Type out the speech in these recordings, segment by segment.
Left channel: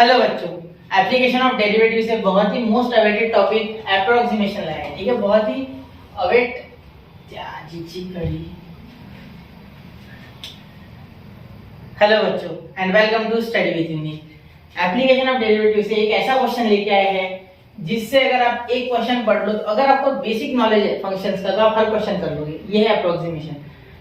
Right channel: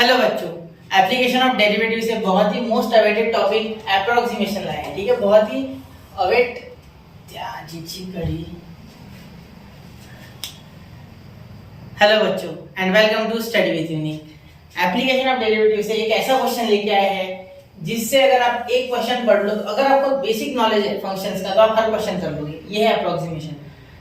Hello बच्चों, application of derivative से बहुत ही मोस्ट अवेटेड टॉपिक अप्रोक्सीमेशन लाया है। ठीक है, बहुत ही अवेट कड़ी। हेलो बच्चों and welcome to study with Unique. Application of derivative से एक ऐसा क्वेश्चन लेके आए हैं जिससे अगर आप एक क्वेश्चन पढ़ लो तो अगर आपको बेसिक नॉलेज है फंक्शंस का तो आप हर क्वेश्चन कर लोगे। ये है अप्रोक्सीमेशन।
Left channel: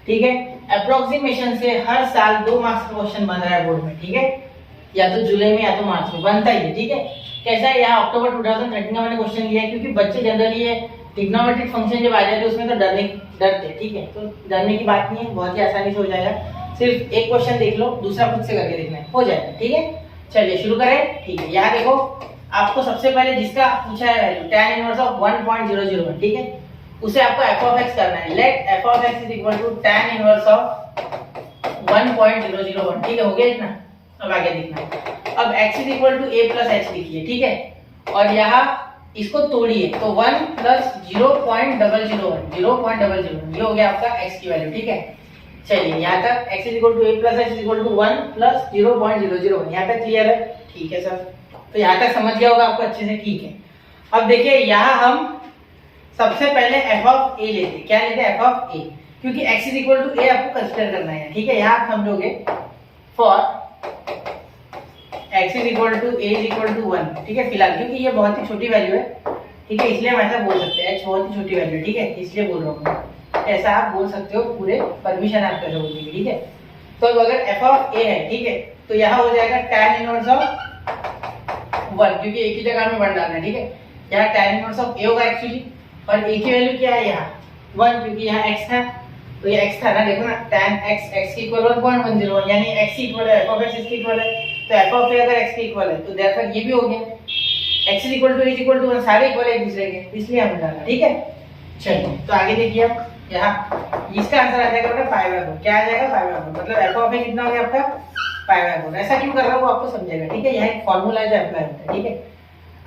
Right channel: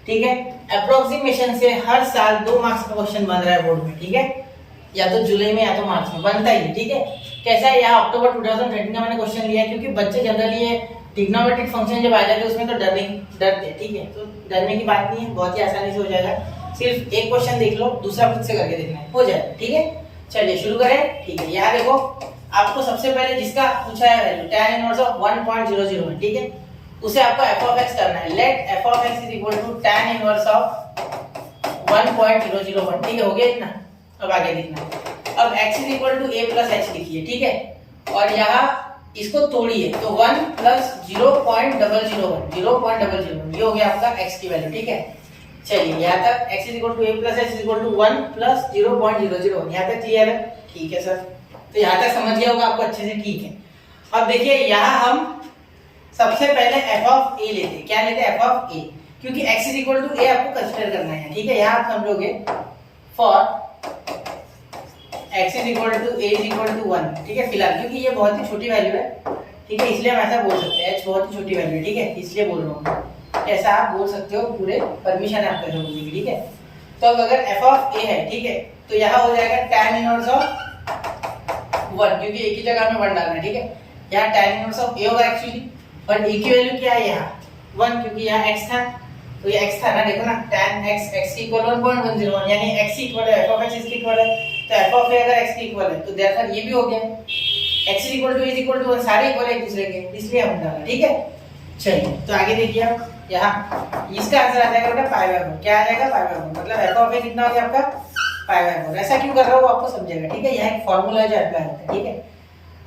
ठीक है, अप्रोक्सीमेशन से हर साल 2 मार्क्स का क्वेश्चन बन रहा है बोर्ड में। ठीक है, या तो जुलाई में या तो मार्च में बनता ही है। ठीक है, कैसा है, यहाँ अक्टूबर 2013 का मैंने क्वेश्चन लिया है क्योंकि बच्चे जनरली ये ट्रिग्नोमेट्रिक फंक्शन जब आ जाते हैं उसमें तो डरते। ठीक है, तो डरने की बात नहीं है, बहुत ही आसानी से हो जाएगा। सिर्फ एक क्वेश्चन देख लो, दूसरा खुद से करके देखना है, हो जाएगा। ठीक है, चलिए शुरू करें। ठीक है, यहाँ देखो आपको सबसे पहले जिसका पूछा है वैल्यू tan इनवर्स ऑफ 1.001। ठीक है, उसे आपको f of x करना है। Let f of x = tan inverse of 1.001। ठीक है, हो गया इतना। अब आगे देखना। अब x = a + h लिखिए। ठीक है, और यहाँ इसको तोड़िए तो 1 + 0.001 ये हो गया आपका x की वैल्यू। ठीक है, चलिए यहाँ तक x = a + h = 1 + 0.001 यहाँ पे क्लियर है। ठीक है सर, तो यहाँ तक समझ गया होगा आपको अच्छे से। ठीक है, अब देखिए यहाँ हम सबसे पहले f of a लेते हैं। क्या लेते हैं? f of a, क्योंकि x = a आपको कंसीडर करना है। ठीक है, यहाँ आप समझोगे फॉर x = a = 1। ठीक है, फिलहाल क्योंकि ये बहुत ही छोटी वैल्यू है। ठीक है, इसलिए हम ऐसा बोल सकते हैं, h बहुत ही छोटी वैल्यू है। ठीक है, इसलिए बोल रहा हूँ, ऐसा आप बोल सकते हो, पूरे परमिशन है आपको ऐसा बोलने की। ठीक है, तो अब अगर f of a है, ठीक है, तो यहाँ हो जाएगा tan इनवर्स ऑफ 1, क्योंकि एक ही जगह में 1 डालना है। ठीक है, यहाँ tan इनवर्स ऑफ a होगा एक्चुअली, और a की वैल्यू क्या है यहाँ 1, क्योंकि यहाँ x था तो ये x था ना। देखो ना, tan x की इक्वल 1.101 यानी x की इक्वल है, f of x इसके इक्वल है, तो f of a अगर x के इक्वल है तो देयरफॉर ये भी हो गया। x = a = 1 सारे इक्वल है एक दूसरे के, इसलिए हमने डाला। ठीक है, चलिए तो आगे देखिए आप, यहाँ इसका आंसर आ जाएगा बेटा π/4। क्या आ जाएगा? π/4। मतलब f of a कितना हो गया आपका π/4। ऐसा क्यों कर रहा हूँ वो आपको समझेगा। ठीक है, यहाँ एक फॉर्मूला है जो अप्लाई होता है। ठीक है,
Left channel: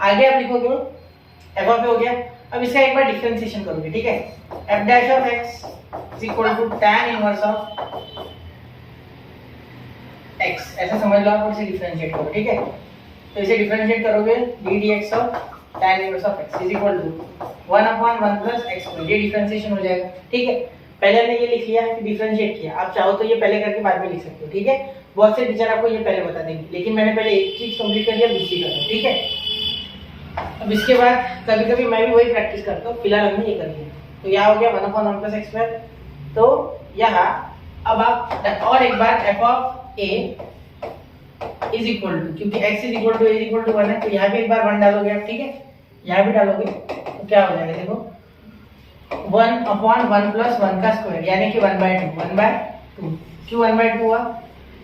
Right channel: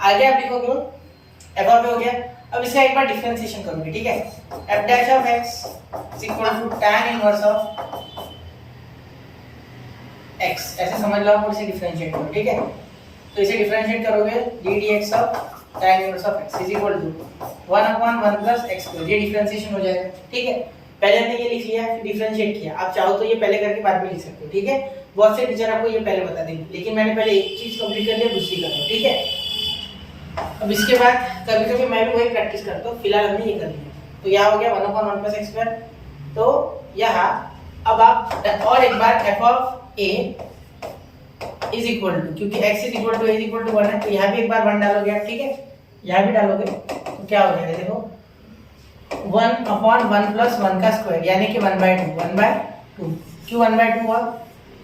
आगे आप लिखोगे f of a हो गया। अब इसका एक बार डिफरेंशिएशन करोगे। ठीक है, f' of x = tan inverse of x, ऐसे समझ लो आप और इसे डिफरेंशिएट करो। ठीक है, तो इसे डिफरेंशिएट करोगे ddx of tan inverse of x = 1/1 + x²। ये डिफरेंशिएशन हो जाएगा। ठीक है, पहले हमने ये लिख लिया फिर डिफरेंशिएट किया। आप चाहो तो ये पहले करके बाद में लिख सकते हो। ठीक है, बहुत से टीचर आपको ये पहले बता देंगे, लेकिन मैंने पहले एक चीज कंप्लीट कर लिया, दूसरी कर लो। ठीक है, अब इसके बाद कभी कभी मैं भी वही प्रैक्टिस करता हूँ। फिलहाल हमने ये कर लिया, तो यहाँ हो गया 1/1 + x²। तो यहाँ अब आप और एक बार f of a = क्योंकि x = a = 1 है तो यहाँ भी एक बार 1 डालोगे आप। ठीक है, यहाँ भी डालोगे तो क्या हो जाएगा, देखो 1/1 + 1 का स्क्वायर यानी कि 1/2। क्यों 1/2 हुआ?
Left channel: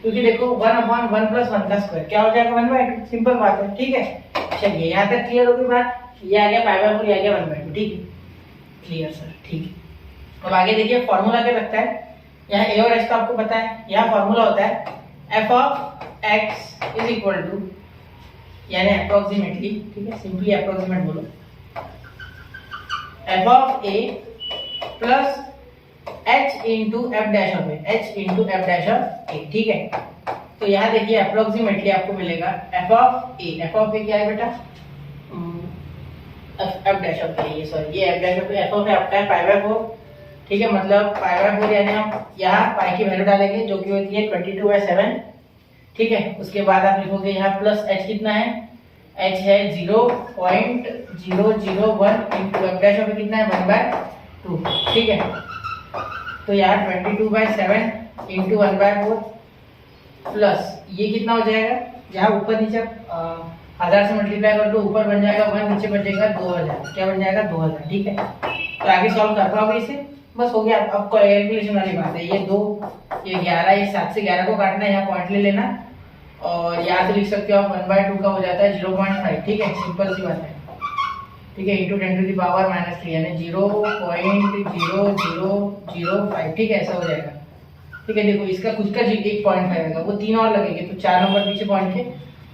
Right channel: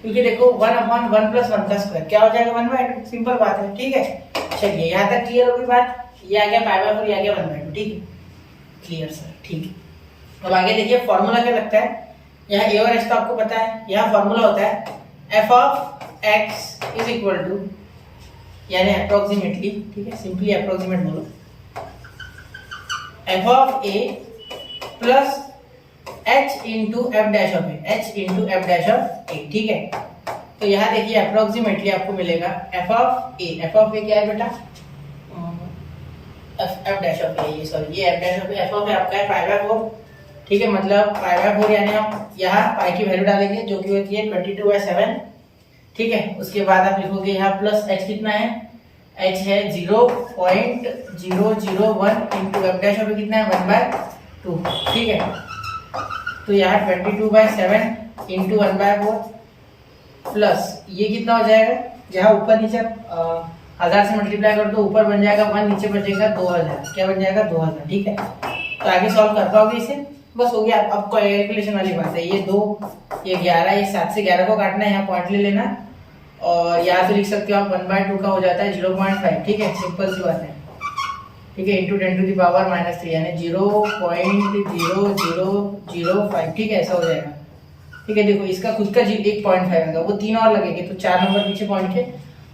क्योंकि देखो 1/1 + 1 का स्क्वायर क्या हो जाएगा 1/2। सिंपल बात है। ठीक है, चलिए यहाँ तक क्लियर होगी बात। ये आ गया π/4, ये आ गया 1/2। ठीक है, क्लियर सर। ठीक है, अब आगे देखिए फॉर्मूला क्या लगता है। यहाँ a और h तो आपको पता है। यहाँ फॉर्मूला होता है f of x = यानी अप्रोक्सीमेटली, ठीक है, सिंपली अप्रोक्सीमेट बोलो, f of a + h × f' of a, h × f' of a। ठीक है, तो यहाँ देखिए अप्रोक्सीमेटली आपको मिलेगा f of a क्या है बेटा? f' of a, ये सॉरी ये f' of a, f of a आपका है π/4। ठीक है, मतलब π/4 यानी हम यहाँ पाई की वैल्यू डालेंगे जो कि होती है 22/7। ठीक है, उसके बाद आप लिखोगे यहाँ प्लस h कितना है, h है 0.001 × f' of a कितना है 1/2। ठीक है, तो यहाँ 22/7 × 1/4 प्लस ये कितना हो जाएगा, जहाँ ऊपर नीचे 1000 से मल्टीप्लाई कर तो ऊपर बन जाएगा 1, नीचे बचेगा 2000। क्या बन जाएगा 2000। ठीक है, तो आगे सॉल्व कर पाओगे इसे, बस हो गया। अब कैलकुलेशन वाली बात है, ये 2 ये 11, ये 7 से 11 को काटना है, यहाँ पॉइंट ले लेना और यहाँ से लिख सकते हो आप 1/2 का हो जाता है 0.5। ठीक है, सिंपल सी बात है। ठीक है, × 10⁻³ यानी 0.0005। ठीक है, ऐसा हो जाएगा। ठीक है, देखो इसका खुद का 1.5 आएगा, वो 3 और लगेंगे तो 4 नंबर पीछे पॉइंट के,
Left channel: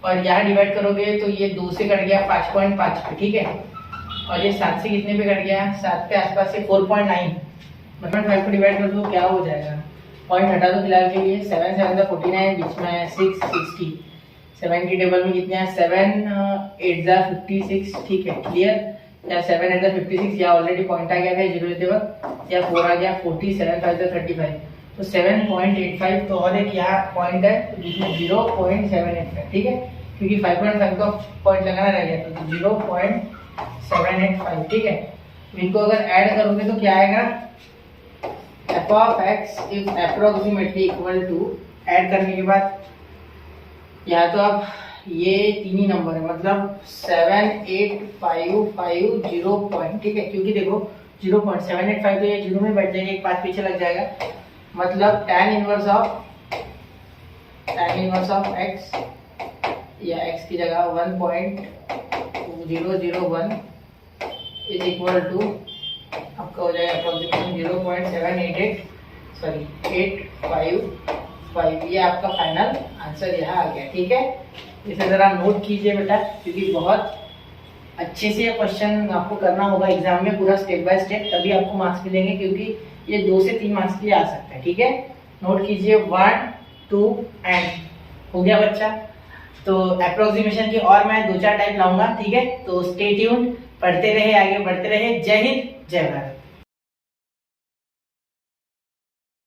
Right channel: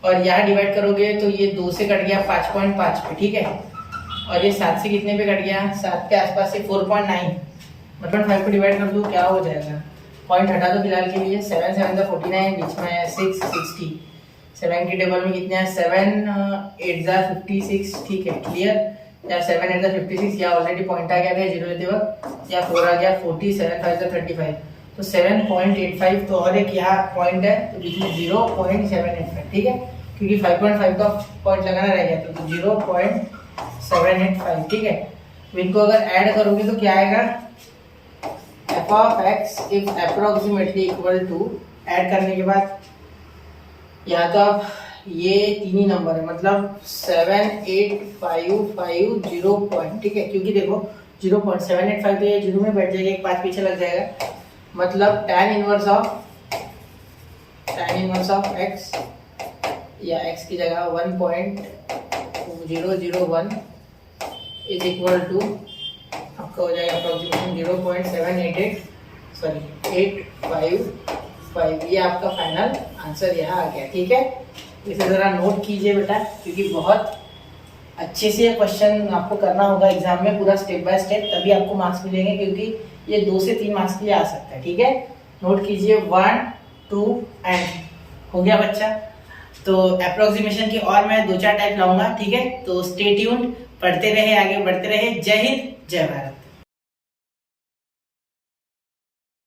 और यहाँ डिवाइड करोगे तो ये 2 से कट गया 5.5 पे। ठीक है, और ये 7 से कितने पे कट गया, 7 के आसपास से 4.9, मतलब 5 को डिवाइड कर दो क्या हो जाएगा, पॉइंट हटा दो फिलहाल के लिए, 7 7 49, बीच में 6 60। 7 की टेबल में कितने हैं, 7 8 जार 56, ठीक है क्लियर, या 7 8 जार 56, या ऑलरेडी पॉइंट आ गया था 0 लेते वक्त, या 4 आ गया 40, 7 5 जार 35, तो 7.85, तो और एक यहाँ पॉइंट है तो बीच में 0.785, ठीक है, क्योंकि 5.5 का पॉइंट लगाना रह गया तो 0.785, ठीक है। तो इनको अगर ऐड करोगे तो क्या आएगा, f of x if approximately equal to, add करने के बाद या तो आप ये तीन ही नंबर है, मतलब 7855 पॉइंट, ठीक है, क्योंकि देखो 0.785 तो ये जीरो में बैठ जाएगा, एक पास पीछे लग जाएगा, मतलब tan इनवर्स ऑफ x, या x की जगह 1.001 इज इक्वल टू आपका हो जाएगा अप्रोक्सीमेशन 855, ये आपका फाइनल आंसर यहाँ आ गया, ठीक है। इसे ज़रा नोट कीजिए बेटा, क्योंकि बहुत अच्छे से क्वेश्चन आपको करना होगा एग्जाम में, पूरा स्टेप बाय स्टेप, तभी आपको मार्क्स मिलेंगे, क्योंकि ये 2 से 3 मार्क्स के लिए आ सकता है, ठीक है। नोट कीजिए 1 2 एंड, हो गया बच्चा। तो अप्रोक्सीमेशन की और मैं 2-4 टाइप लाऊंगा, ठीक है, तो स्टे ट्यून्ड, पढ़ते रहे, आगे बढ़ते रहे। जय हिंद, जय भारत।